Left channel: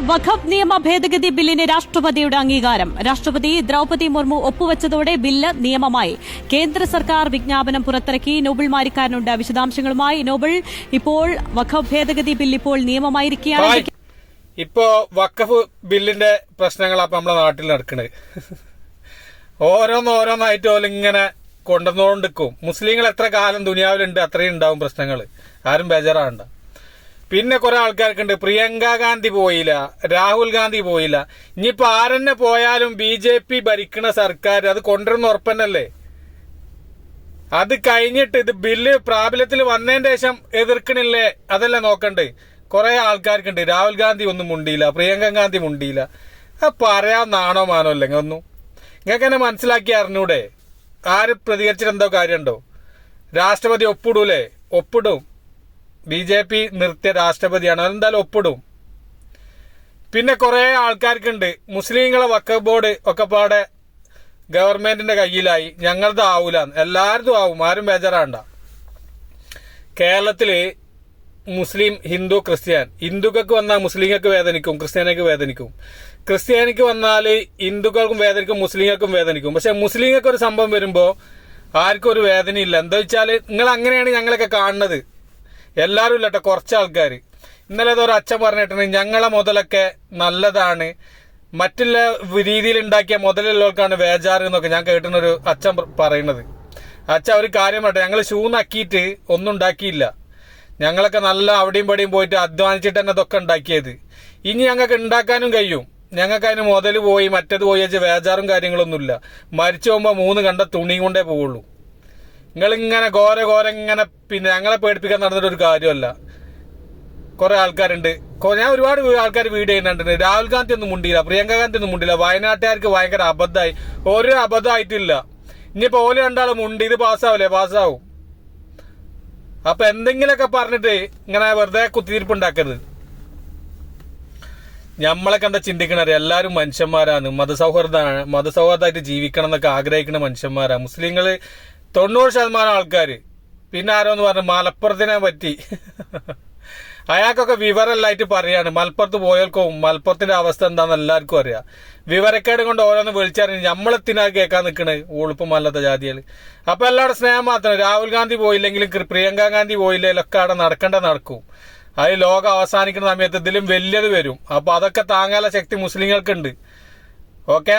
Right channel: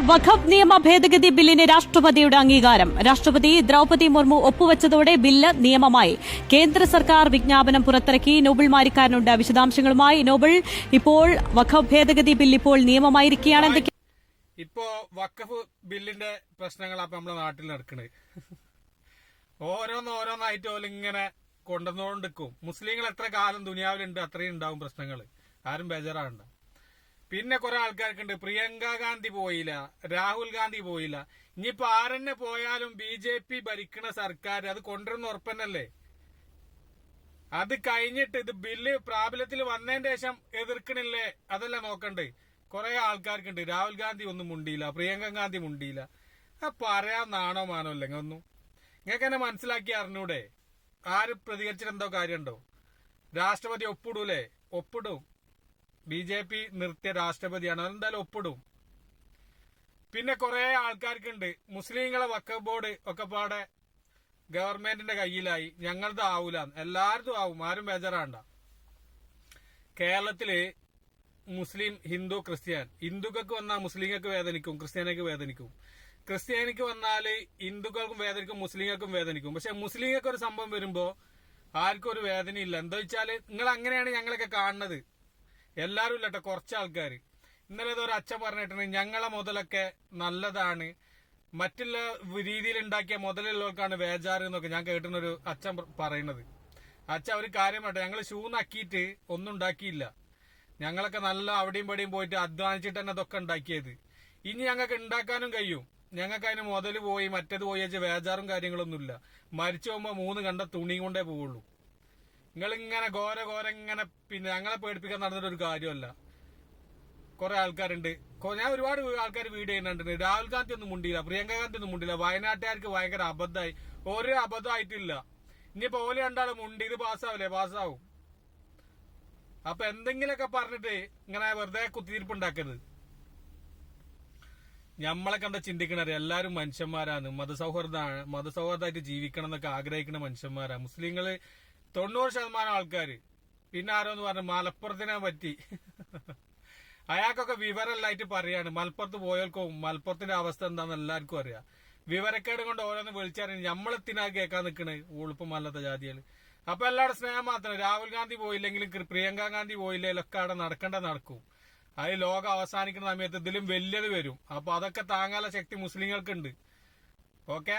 വഖഫ് നിയമ ഭേദഗതി ബില്ലിന് രാഷ്ട്രപതിയുടെ അംഗീകാരം. രാഷ്ട്രപതി ദ്രൌപതി മുർമു ഒപ്പുവച്ചതോടെ ബില്ല് നിയമമായി. കേന്ദ്ര സർക്കാർ വിജ്ഞാപനം പുറത്തിറക്കി. നോബിൾ മാരിക്കാരനുണ്ട്. വിശദാംശങ്ങളുമായി നോബിൾ ഇപ്പോൾ വഖഫ് ഭേദഗതി ബില്ല് ഇപ്പോൾ നിയമമായിരിക്കുകയാണ്. ഇപ്പോ വഖഫ് ബില്ലിന്റെ പ്രശ്നങ്ങളാ നമ്മുടെ നാട്ടിൽ നടക്കുന്നത് ഓരോന്നോരോന്നായിട്ട് ഇങ്ങനെ കൊണ്ടുവന്നുകൊണ്ടിരിക്കും മുസ്ലിങ്ങൾ എത്ര കാലം ദുനിയാവിലുണ്ട് അത്രയും ഉണ്ടാവും പ്രശ്നങ്ങൾ ആരും ബേജാറാവണ്ട. പിന്നെ കുറെ ആൾക്കാർക്കുണ്ട്. പ്രിയങ്ക ഗാന്ധി പോയില്ല രാഹുൽ ഗാന്ധി പോയില്ല. ഇനിയിപ്പോ ആരെന്നെ പോയാലും ബി ജെ പി ഭരിക്കണ സർക്കാർ അത് കൊണ്ടുവരുന്ന ഉറപ്പന്നല്ലേ? അത് കഴിഞ്ഞിട്ട് ഇത് ബില്ല് പ്രാബല്യത്തിൽ വന്നതിന്റെ ശേഷം എതിർക്കണില്ലേ? അതല്ലേ നോക്കണ്ടേ? കുറെ ആൾക്കാർക്കുണ്ട്. രാഹുൽ ഗാന്ധി ഒന്നും മുണ്ടിയില്ല പ്രിയങ്ക ഗാന്ധി മുണ്ടിയില്ല. ആ പറയാന്നാണോ നാണോ മാനോ അല്ലെങ്കിൽ ഒന്നും നിങ്ങൾക്ക് എന്നെ മനസ്സിലാക്കി അറിഞ്ഞൂടെ? ആര് പ്രതികരിച്ചിട്ട് എന്തോ കാര്യമുണ്ടോ രാഷ്ട്രപതി ഒപ്പിടൂലേ? ഒപ്പിടും. ബി ജെ പി നിർത്തിയ രാഷ്ട്രപതിയാണ്. അതെന്തായാലും ഒപ്പിടും. പിന്നെ കുറെ ആൾക്കാർക്കുണ്ട്. മുസ്ലിങ്ങളെ വക്കഫ് ബോർഡ് ഒക്കെ പാടെ ഗവൺമെന്റിന്റെ കയ്യിലായി. ഞങ്ങളത് ആവൂല എല്ലാവരും ആവും. ആരും ബേജാറാണ്ട. കേരളത്തിൽ മുസ്ലിം ഹിന്ദു ക്രിസ്ത്യൻ. ഹിന്ദുക്കൾക്ക് വന്നാൽ മുസ്ലിങ്ങൾക്ക് വേദനിക്കും ക്രിസ്ത്യാനിക്ക് വേദനിക്കും. ക്രിസ്ത്യാനിക്ക് വന്നാൽ ഹിന്ദുക്കൾക്കും വേദനിക്കും മുസ്ലിങ്ങൾക്കും വേദനിക്കും. പക്ഷെ മുസ്ലിങ്ങൾക്ക് ഒരു സംഭവം വരുമ്പോൾ ആർക്കും ഒരു വേദനയില്ല. എന്താ വെച്ചാൽ നിങ്ങൾ അങ്ങനെയാണ് ഞങ്ങളൊക്കെ കാണുന്നത്. എല്ലാവരും ഇല്ലട്ടെ കുറച്ച് ആൾക്കാർ ഇന്നലെ ഏതോ ഒരു അച്ഛൻ പറഞ്ഞിട്ടുണ്ട് ഞങ്ങളെ മുതലൊക്കെ നല്ലതാണ്. മറ്റുള്ള രീതിയിൽ ഉണ്ടാക്കിയ മുതലുള്ളവർക്കാണ് വേജാറ് എന്നൊക്കെ ഞാൻ കേട്ടിട്ടൊരു അച്ഛൻ പറയുന്നത്. അച്ഛൻ ഒരു കാര്യം പറയട്ടെ ഞങ്ങൾ ഷൂ നക്കിയിട്ട് ഒന്നും ഉണ്ടാക്കിയില്ല. ഞങ്ങളൊക്കെ നല്ല അവിടെയും പടിയും പോയിട്ട് അധ്വാനിച്ചിട്ട് തന്നെ ഇതൊക്കെ ഉണ്ടാക്കിയത്. ഇനി ഞങ്ങൾക്ക് ഉണ്ടാക്കാനും കഴിയും. ഞങ്ങൾക്ക് അതിന് മുതൽ പോയി മറ്റേത് പോയി വെച്ച് വേജാറും കാര്യങ്ങളൊന്നുമില്ല. മരിച്ചു പോകുമ്പോൾ മൂന്ന് കണ്ട തുണി കൊണ്ടേ പോവുള്ളൂ. നിങ്ങൾ ഇങ്ങനെ ഘോര ഘോര ഇങ്ങനെ പിന്നെ ഞങ്ങളെ പേടിപ്പിക്കാൻ നടന്നിട്ട് ഒരു കാര്യമല്ല. കുറെ ആൾക്കാരുണ്ട്. ഞാൻ ഒരുപാട് ആൾക്കാർ വീഡിയോ ചെയ്യുന്നുണ്ട്. രാഹുൽ ഗാന്ധി ഒന്നും മുണ്ടിയില്ല പ്രിയങ്ക ഗാന്ധി ഒന്നും മുണ്ടില്ല വയനാട്ടുകാർക്ക് ഭയങ്കര അബദ്ധമായി. ഒരു അബദ്ധമായിട്ടില്ല. ഇനിയിപ്പോ ഓൽ രണ്ടാളും മുണ്ടി ഇത് പാസ്സാവില്ലേ പാസ്സാവും. അപ്പൊ എന്തെങ്കിലുമൊക്കെ പറഞ്ഞിട്ട് ഇങ്ങനെ വെറുതെ കുത്തിയിരിപ്പ് ഉണ്ടാക്കരുത് നമ്മളൊക്കെ എന്താ ചിന്തിക്കണത് എല്ലാവരും മനുഷ്യന്മാരാണ്. മതസൗഹൃദമാണ് മതസൗഹാർദ്ദമായിട്ട് ജീവിക്കണം എന്നൊക്കെ ആഗ്രഹിക്കുന്ന മനുഷ്യന്മാരാണ് മുസ്ലിങ്ങൾ തൊണ്ണൂറ് ശതമാനം ആൾക്കാർ പിന്നെ ആരോന്ന് പറഞ്ഞു മലപ്പുറത്തിനെ പറ്റി. അയാൾക്കൊക്കെ വിവരമല്ലായിട്ട് പറയാണ്. മലപ്പുറത്ത് പോയവർക്കും മലപ്പുറത്തിന്റെ അവസ്ഥ എന്താണെന്ന് എല്ലാവർക്കും അറിയാം. വിവരക്കേട് കൊണ്ട് ഓരോന്ന് വിളിച്ചറിഞ്ഞ് നമ്മളെത്തിനാ കേൾക്കാൻ നിൽക്കണ് ഉളുപ്പമല്ലാത്ത ജാതികൾ അപ്പൊ എല്ലാവരുടെ സ്നേഹം മാത്രം. രാഹുൽ ഗാന്ധി പോയില്ലെങ്കിലും പ്രിയങ്ക ഗാന്ധി പോയില്ലെങ്കിലും ഒക്കെ അവിടെ നടക്കേണ്ട നടക്കും. അത് ലോകം അവസാനിക്കുന്ന സമയത്ത് ഇതിലും വലിയത് വരും. അപ്പൊ അതൊക്കെ താങ്ങാനുള്ള ശക്തി മുസ്ലിങ്ങൾക്കുണ്ട്. ഓക്കെ?